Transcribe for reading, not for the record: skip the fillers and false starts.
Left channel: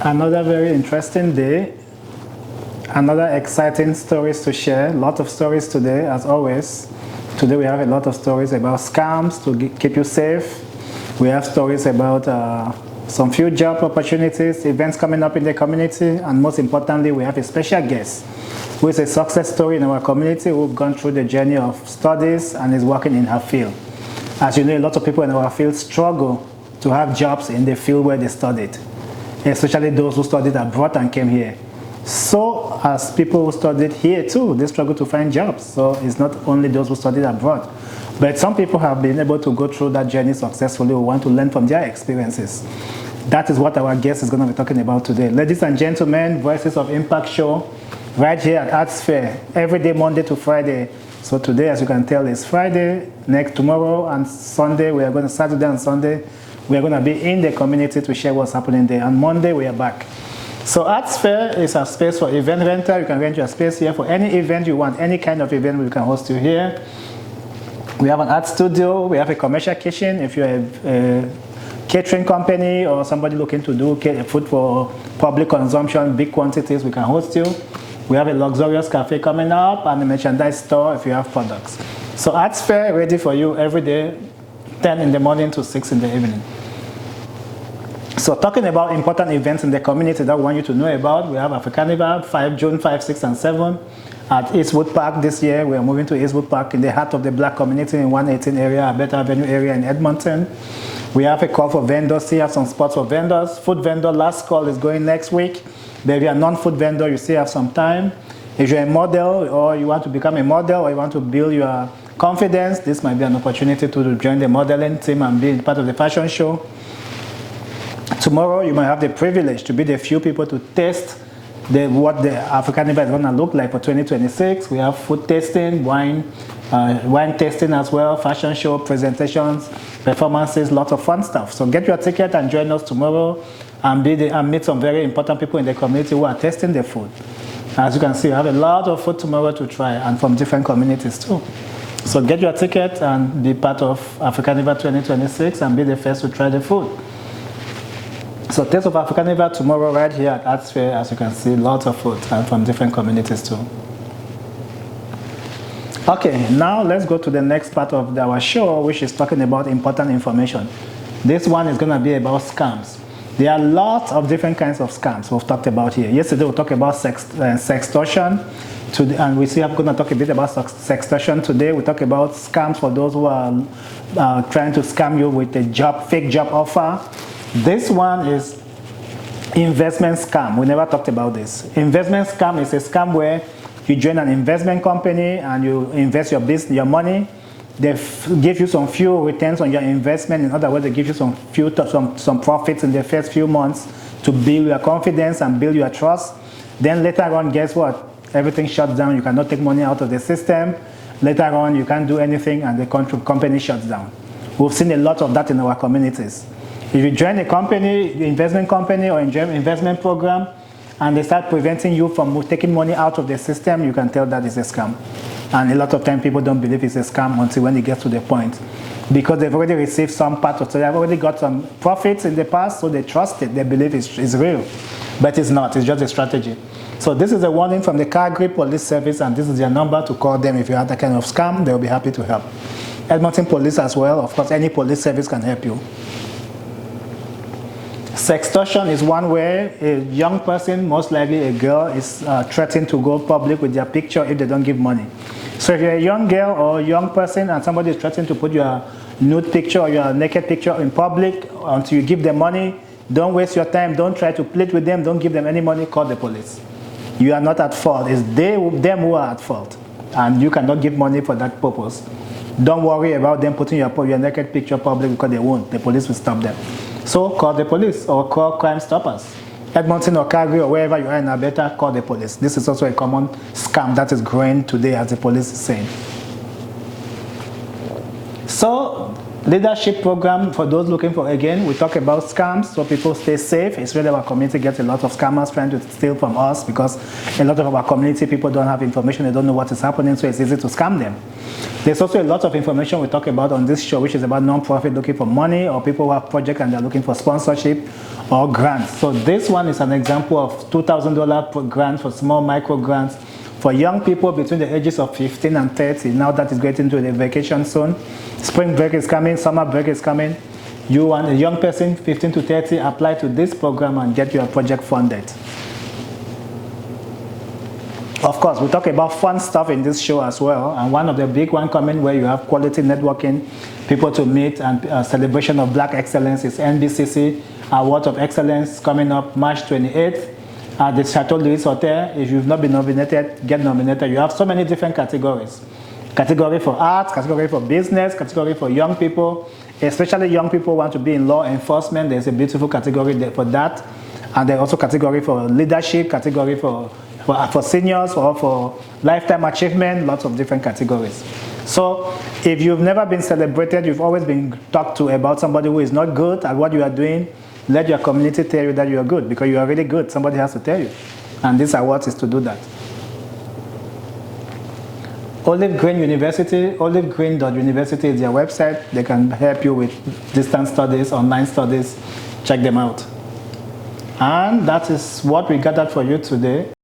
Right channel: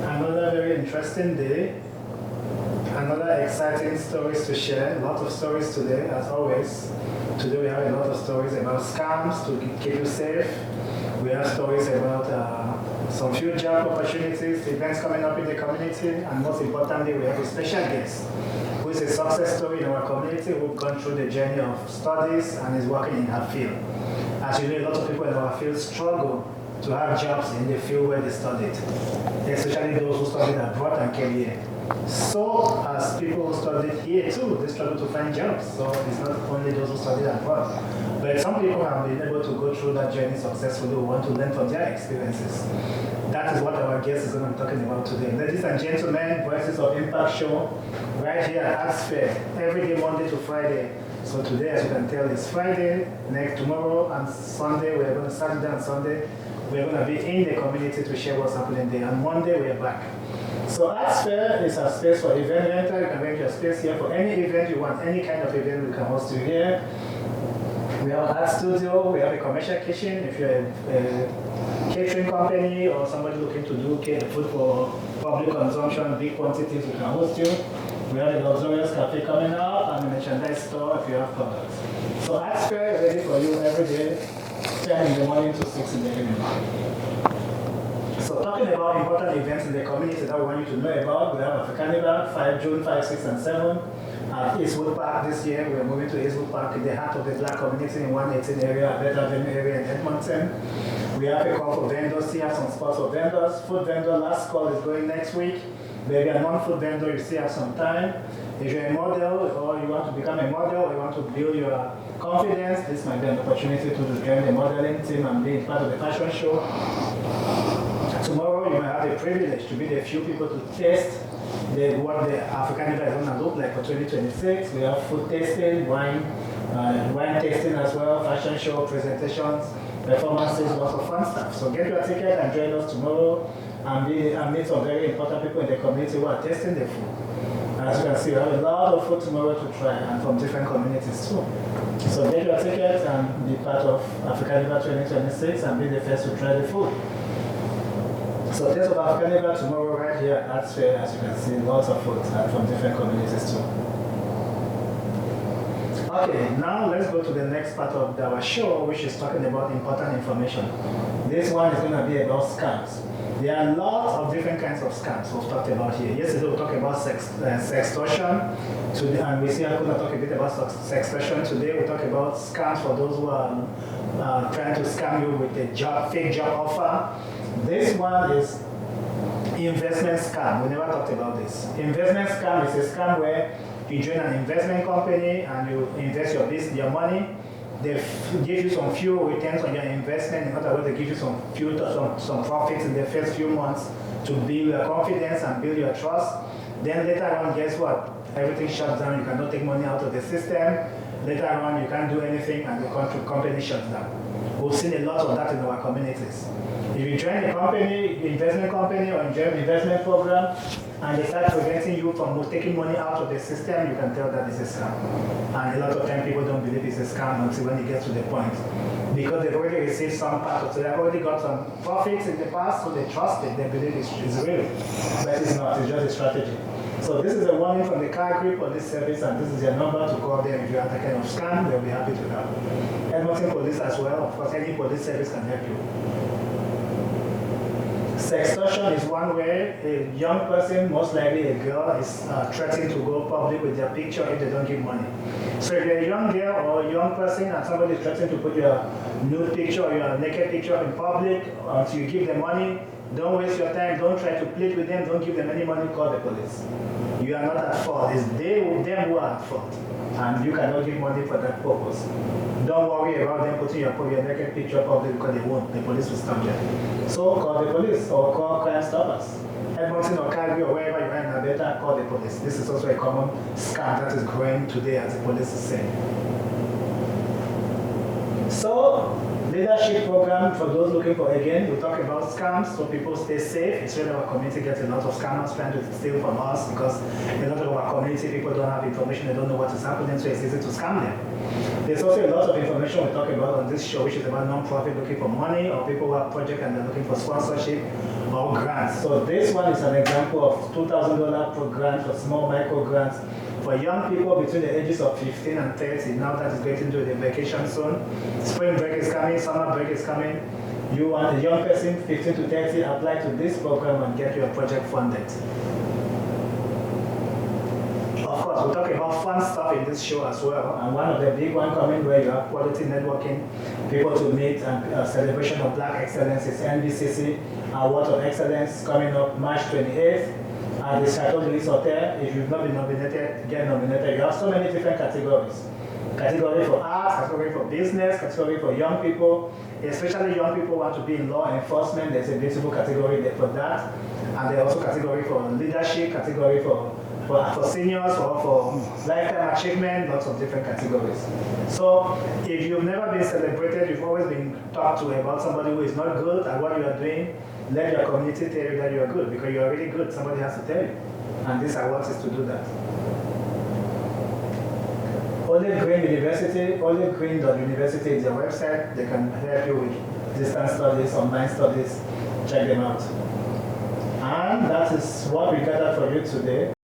Another very interesting day. Another exciting stories to share. A lot of stories today, as always. Today we have a lot of stories about scams to keep you safe. We have stories about some few job opportunities, events coming up in the community, and most importantly, we have a special guest who is a success story in our community who've gone through the journey of studies and is working in her field. As you know, a lot of people in our field struggle to have jobs in the field where they studied, especially those who studied abroad and came here. So as people who studied here too, they struggle to find jobs. So it's not only those who studied abroad. But some people have been able to go through that journey successfully who want to learn from their experiences. That is what our guest is going to be talking about today. Ladies and gentlemen, Voices of Impact show right here at ArtSphere, every day, Monday to Friday. So today, as you can tell, is Friday. Tomorrow and Sunday, we are going to, Saturday and Sunday, we are going to be in the community to share what's happening there. And Monday, we are back. So ArtSphere is a space for event rental. You can rent your space here for any event you want, any kind of event we can host you here. We have an art studio. We have a commercial kitchen. If you're a catering company or somebody looking to do food for public consumption, big quantities, we can host you. We have a luxurious cafe coming up and a merchandise store if you have products. So ArtSphere ready for you every day, 10 in the morning to 6 in the evening. So talking about important events in the community that we want you to know about, we have Africanival, June 5, 6, and 7 at Eastwood Park this year. We are moving to Eastwood Park in the heart of the black community in 118 area, Abeta Avenue area in Edmonton. We have a call for vendors. Still have some spots for vendors. Food vendor, last call is going next week. But if you're a non-food vendor, you still have some time. If you're a model or you want to become a model or you want to build your confidence, this might be an opportunity to join the modeling team and be part of the fashion show. Tomorrow, you might have the privilege to be the few people to test what the Africanival is going to look like for 2026. We have food tasting, wine tasting as well, fashion show, presentations, performances, lots of fun stuff. So get your ticket and join us tomorrow and meet some very important people in the community who are tasting the food. As you can see, we have a lot of food tomorrow to try and from different communities too. So get your ticket and be part of Africanival 2026 and be the first to try the food. So Taste of Africanival tomorrow right here at ArtSphere. As you can see, lots of food from different communities too. Okay, now let's go to the next part of our show, which is talking about important information. This one is going to be about scams. There are lots of different kinds of scams we've talked about here. Yesterday we talked about sextortion, and we are going to talk a bit about sextortion today. We talk about scams for those who are trying to scam you with a fake job offer. This one is investment scam. We never talked about this. Investment scam is a scam where you join an investment company and you invest your money. They give you some few returns on your investment. In other words, they give you some profits in the first few months to build your confidence and build your trust. Then later on, guess what? Everything shuts down. You cannot take money out of the system. Later on, you can't do anything and the company shuts down. We've seen a lot of that in our communities. If you join a company, investment company or investment program, and they start preventing you from taking money out of the system, you can tell that it's a scam. And a lot of time people don't believe it's a scam until when it gets to the point. Because they've already received some part of it, so they've already got some profits in the past, so they trust it, they believe it's real. But it's not, it's just a strategy. So this is a warning from the Calgary Police Service, and this is their number to call them if you have that kind of scam. They'll be happy to help. Edmonton Police as well, of course, any police service can help you. Sextortion is one where a young person, most likely a girl, is threatened to go public with their picture if they don't give money. So if you're a young girl or a young person and somebody is threatening to put your nude picture or your naked picture in public until you give them money, don't waste your time, don't try to plead with them, don't give them any money, call the police. You are not at fault, it's them who are at fault. And you cannot give money for that purpose. Don't worry about them putting your naked picture public because they won't, the police will stop them. So call the police or call Crime Stoppers. Edmonton or Calgary or wherever you are in Alberta, call the police. This is also a common scam that is growing today, as the police is saying. So, leadership program for those looking for, again, we talk about scams so people stay safe. It's really our community gets a lot of scammers trying to steal from us because a lot of our community people don't have information, they don't know what is happening, so it's easy to scam them. There's also a lot of information we talk about on this show, which is about non-profit looking for money or people who have projects and they're looking for sponsorship or grants. So this one is an example of $2,000 per grant for small micro grants for young people between the ages of 15 and 30. Now that is getting to the vacation soon. Spring break is coming, summer break is coming. You want a young person, 15 to 30, apply to this program and get your project funded. Of course, we talk about fun stuff in this show as well, and one of the big ones coming where you have quality networking, people to meet, and celebration of Black excellence is NBCC Award of Excellence coming up March 28th at the Chateau Louis Hotel. If you've not been nominated, get nominated. You have so many different categories. Category for art, category for business, category for young people, especially young people want to be in law enforcement. There's a beautiful category there for that. And there's also category for leadership, category for seniors, or for lifetime achievement, lots of different categories. So if you've never been celebrated, you've always been talked to about somebody who is not good at what you are doing, let your community tell you that you are good, because you are really good. Somebody has to tell you. And this award is to do that. Olive Green University, olivegreen.university is their website. They can help you with distance studies, online studies. Check them out. And that is what we gathered for you today.